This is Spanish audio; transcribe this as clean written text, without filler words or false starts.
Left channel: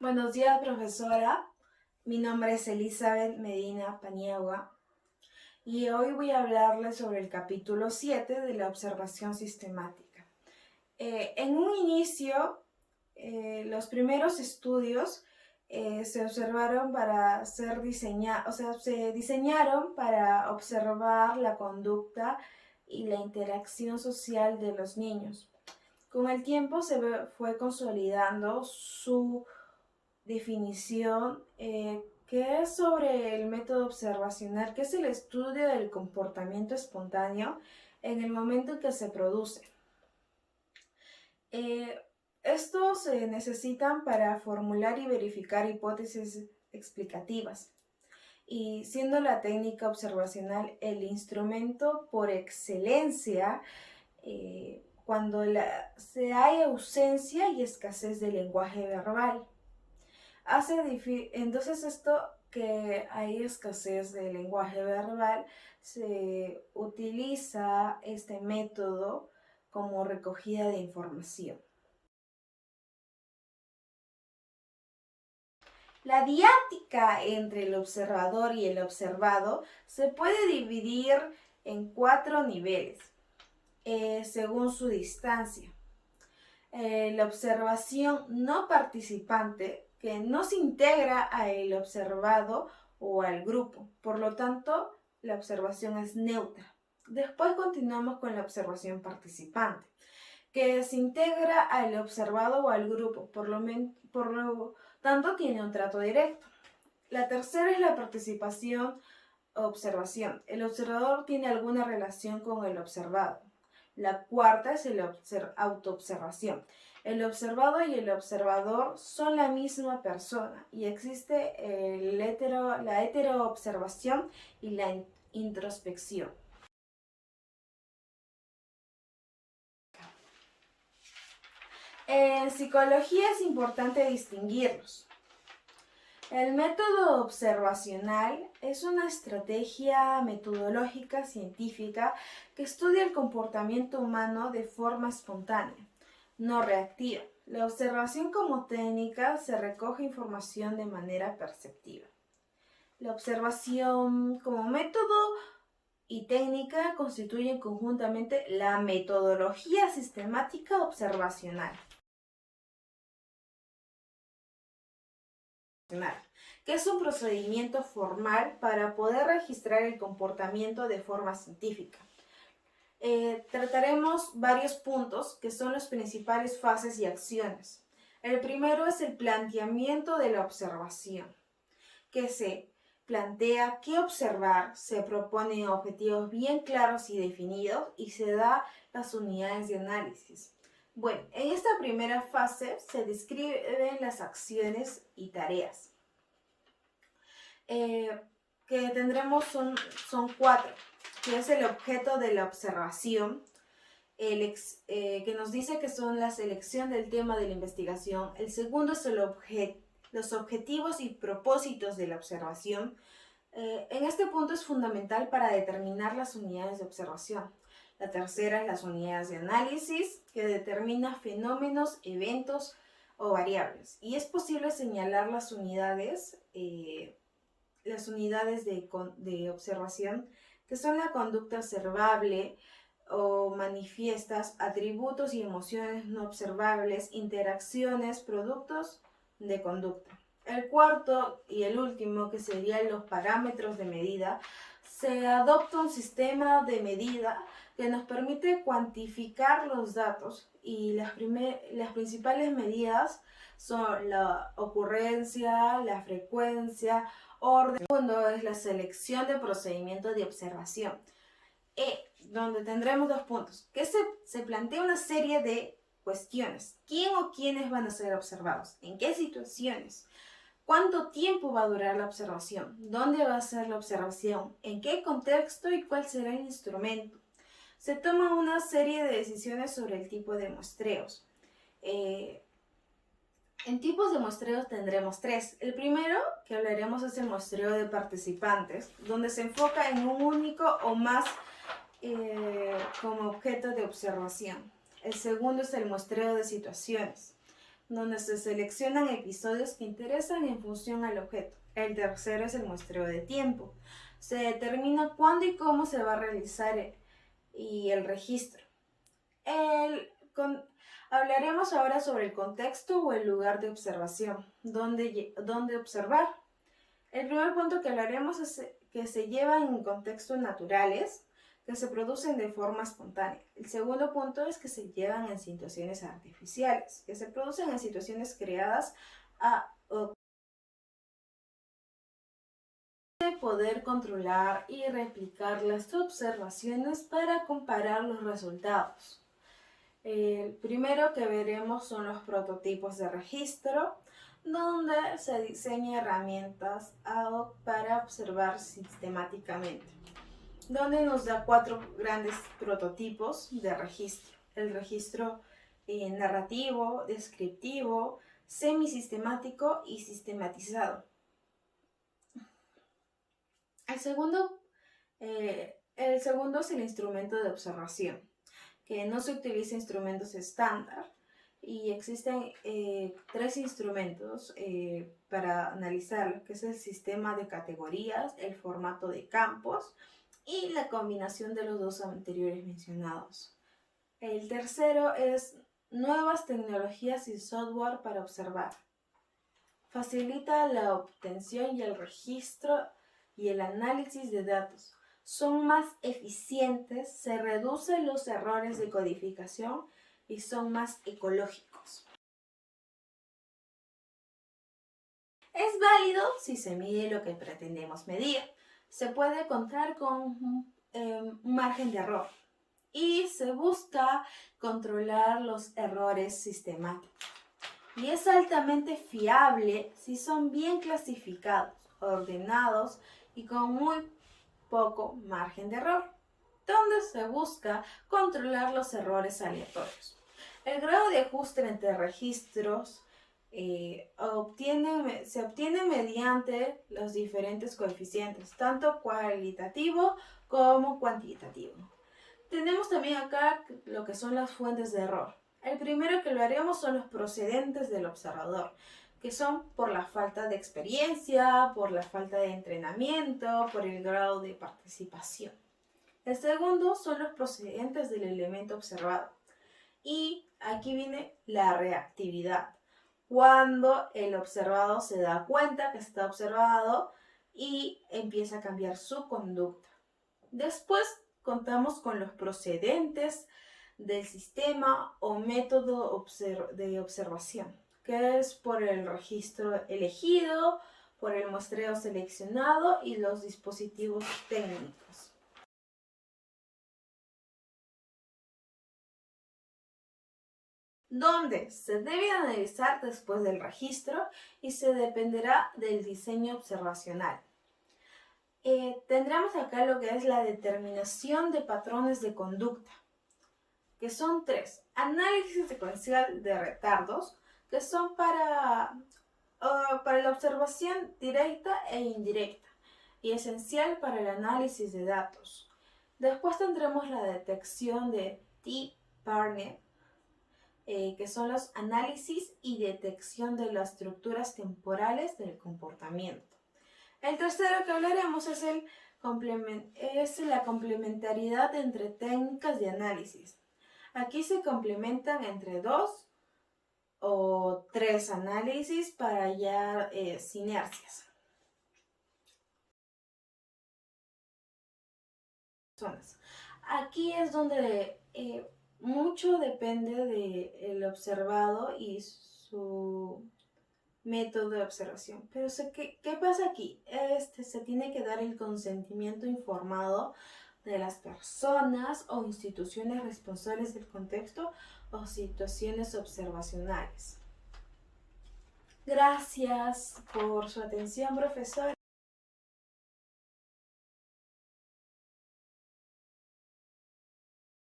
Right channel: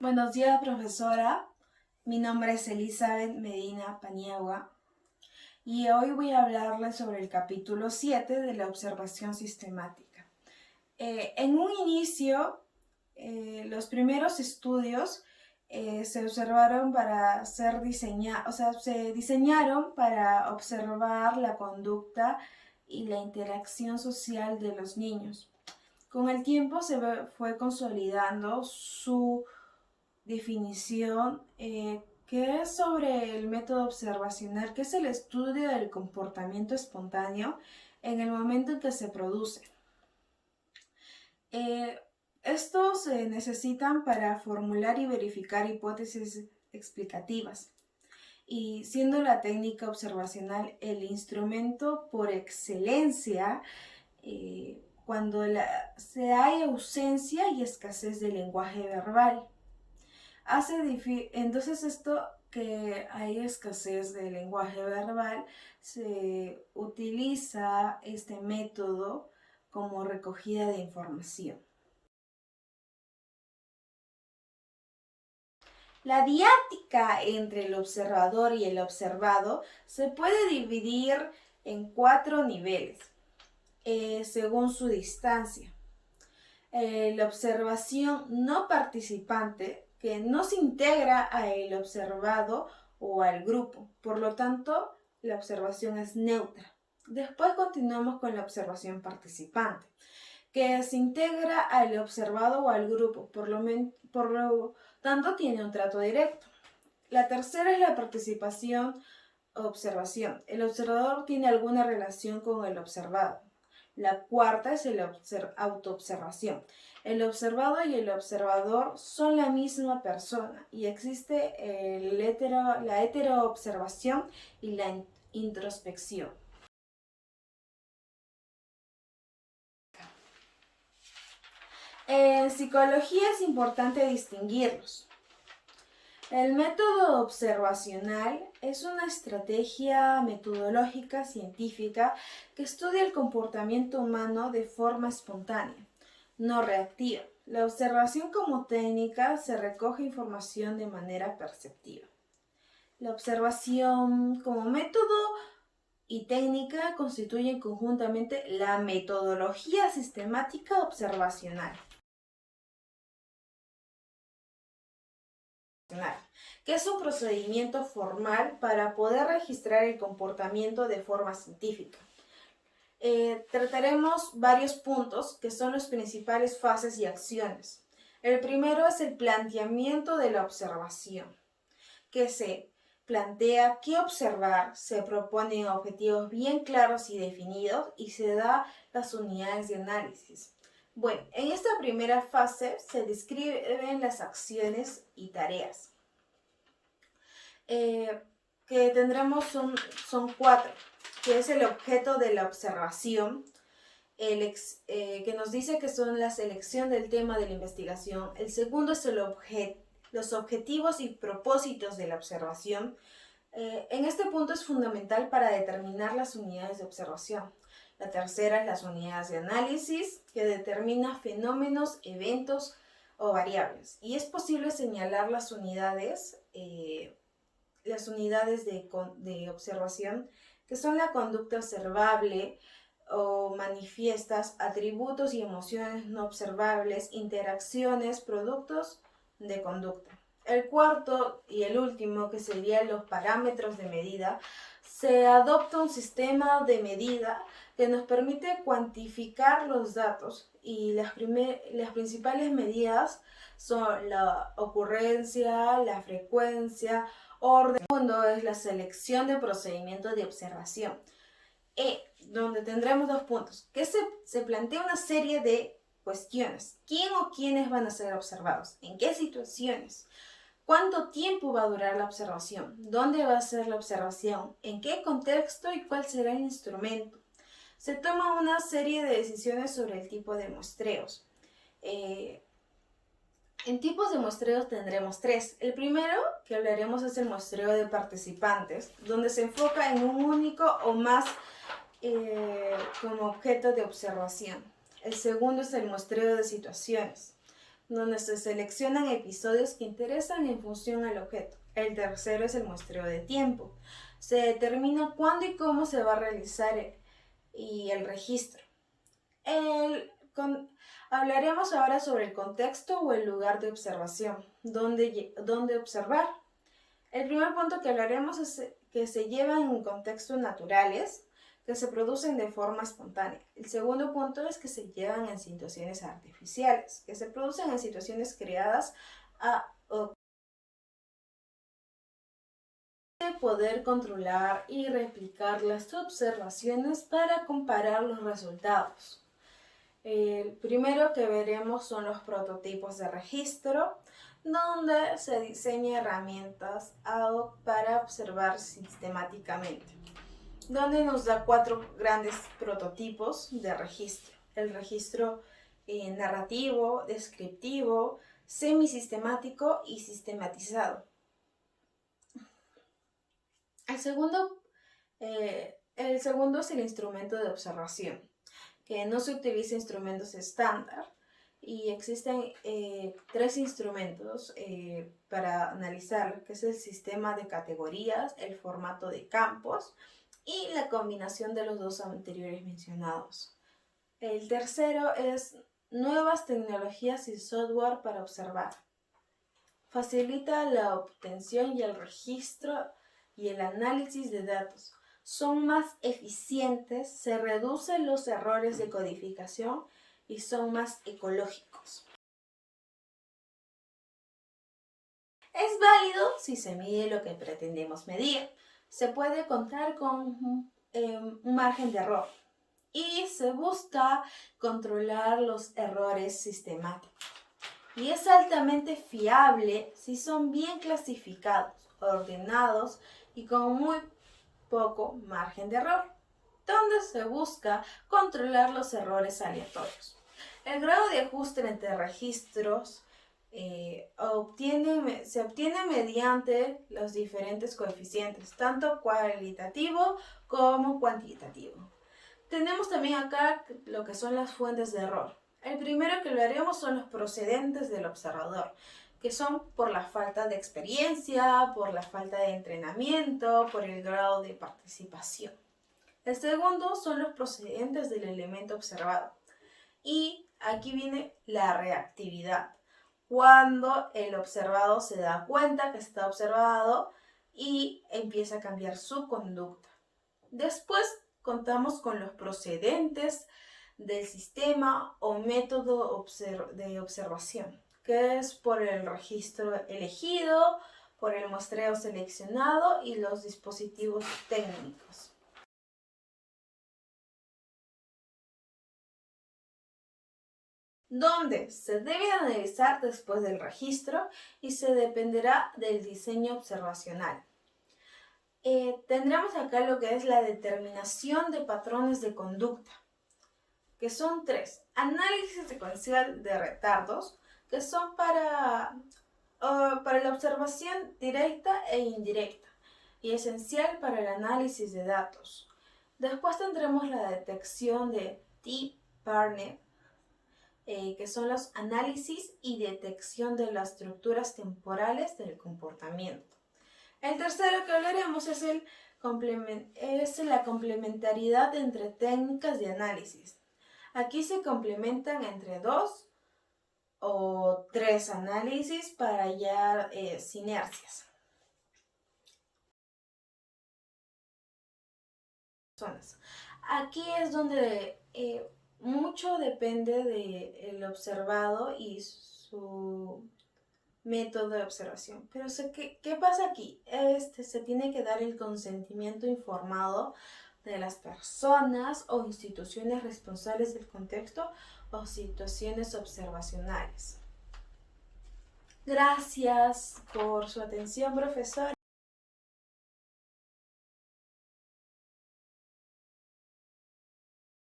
Buenos días, profesora. Mi nombre es Elizabeth Medina Paniagua y hoy voy a hablarles sobre el capítulo 7 de la observación sistemática. En un inicio, los primeros estudios se observaron para se diseñaron para observar la conducta y la interacción social de los niños. Con el tiempo fue consolidando su definición, que es sobre el método observacional, que es el estudio del comportamiento espontáneo en el momento en que se produce. Eh, Estos se necesitan para formular y verificar hipótesis explicativas, y siendo la técnica observacional el instrumento por excelencia cuando se hay ausencia y escasez de lenguaje verbal. Entonces esto que hay escasez de lenguaje verbal, se utiliza este método como recogida de información. La diática entre el observador y el observado se puede dividir en 4 niveles, según su distancia. La observación no participante, que no se integra al observado o al grupo. Por lo tanto, la observación es neutra. Después continuamos con la observación participante, que se integra al observado o al grupo. Por lo tanto, tiene un trato directo. La tercera es la participación-observación. El observador tiene alguna relación con el observado. La cuarta es la autoobservación. El observado y el observador son la misma persona y existe la heteroobservación y la introspección. En psicología es importante distinguirlos. El método observacional es una estrategia metodológica científica que estudia el comportamiento humano de forma espontánea, no reactiva. La observación como técnica se recoge información de manera perceptiva. La observación como método y técnica constituyen conjuntamente la metodología sistemática observacional, que es un procedimiento formal para poder registrar el comportamiento de forma científica. Trataremos varios puntos que son las principales fases y acciones. El primero es el planteamiento de la observación, que se plantea qué observar, se proponen objetivos bien claros y definidos y se da las unidades de análisis. Bueno, en esta primera fase se describen las acciones y tareas. Que tendremos son 4, que es el objeto de la observación, que nos dice que son la selección del tema de la investigación. El segundo es los objetivos y propósitos de la observación. En este punto es fundamental para determinar las unidades de observación. La tercera es las unidades de análisis, que determina fenómenos, eventos o variables. Y es posible señalar las unidades de observación, que son la conducta observable o manifiestas, atributos y emociones no observables, interacciones, productos de conducta. El cuarto y el último, que serían los parámetros de medida, se adopta un sistema de medida que nos permite cuantificar los datos, y las principales medidas son la ocurrencia, la frecuencia, orden. El segundo es la selección de procedimientos de observación, donde tendremos 2 puntos, que se plantea una serie de cuestiones. ¿Quién o quiénes van a ser observados? ¿En qué situaciones? ¿Cuánto tiempo va a durar la observación? ¿Dónde va a ser la observación? ¿En qué contexto y cuál será el instrumento? Se toma una serie de decisiones sobre el tipo de muestreos. En tipos de muestreos tendremos 3. El primero que hablaremos es el muestreo de participantes, donde se enfoca en un único o más como objeto de observación. El segundo es el muestreo de situaciones, donde se seleccionan episodios que interesan en función al objeto. El tercero es el muestreo de tiempo. Se determina cuándo y cómo se va a realizar el registro. Hablaremos ahora sobre el contexto o el lugar de observación, dónde observar. El primer punto que hablaremos es que se llevan en contextos naturales, que se producen de forma espontánea. El segundo punto es que se llevan en situaciones artificiales, que se producen en situaciones creadas o de poder controlar y replicar las observaciones para comparar los resultados. El primero que veremos son los prototipos de registro, donde se diseña herramientas para observar sistemáticamente, donde nos da 4 grandes prototipos de registro. El registro narrativo, descriptivo, semisistemático y sistematizado. El segundo es el instrumento de observación, que no se utiliza instrumentos estándar y existen 3 instrumentos para analizarlo, que es el sistema de categorías, el formato de campos y la combinación de los 2 anteriores mencionados. El tercero es nuevas tecnologías y software para observar. Facilita la obtención y el registro y el análisis de datos. Son más eficientes, se reducen los errores de codificación y son más ecológicos. Es válido si se mide lo que pretendemos medir. Se puede contar con un margen de error y se busca controlar los errores sistemáticos. Y es altamente fiable si son bien clasificados, ordenados y con muy poco margen de error, donde se busca controlar los errores aleatorios. El grado de ajuste entre registros se obtiene mediante los diferentes coeficientes, tanto cualitativo como cuantitativo. Tenemos también acá lo que son las fuentes de error. El primero que lo haremos son los procedentes del observador, que son por la falta de experiencia, por la falta de entrenamiento, por el grado de participación. El segundo son los procedentes del elemento observado. Y aquí viene la reactividad, cuando el observado se da cuenta que está observado y empieza a cambiar su conducta. Después contamos con los procedentes del sistema o método de observación, que es por el registro elegido, por el muestreo seleccionado y los dispositivos técnicos. Donde se debe analizar después del registro y se dependerá del diseño observacional. Tendremos acá lo que es la determinación de patrones de conducta, que son 3. Análisis secuencial de retardos, que son para la observación directa e indirecta y esencial para el análisis de datos. Después tendremos la detección de T-pattern, que son los análisis y detección de las estructuras temporales del comportamiento. El tercero que hablaremos es la complementariedad entre técnicas de análisis. Aquí se complementan entre 2 o 3 análisis para hallar sinergias. Aquí es donde mucho depende del observado y su método de observación. Pero ¿qué pasa aquí? Se tiene que dar el consentimiento informado de las personas o instituciones responsables del contexto o situaciones observacionales. Gracias por su atención, profesor.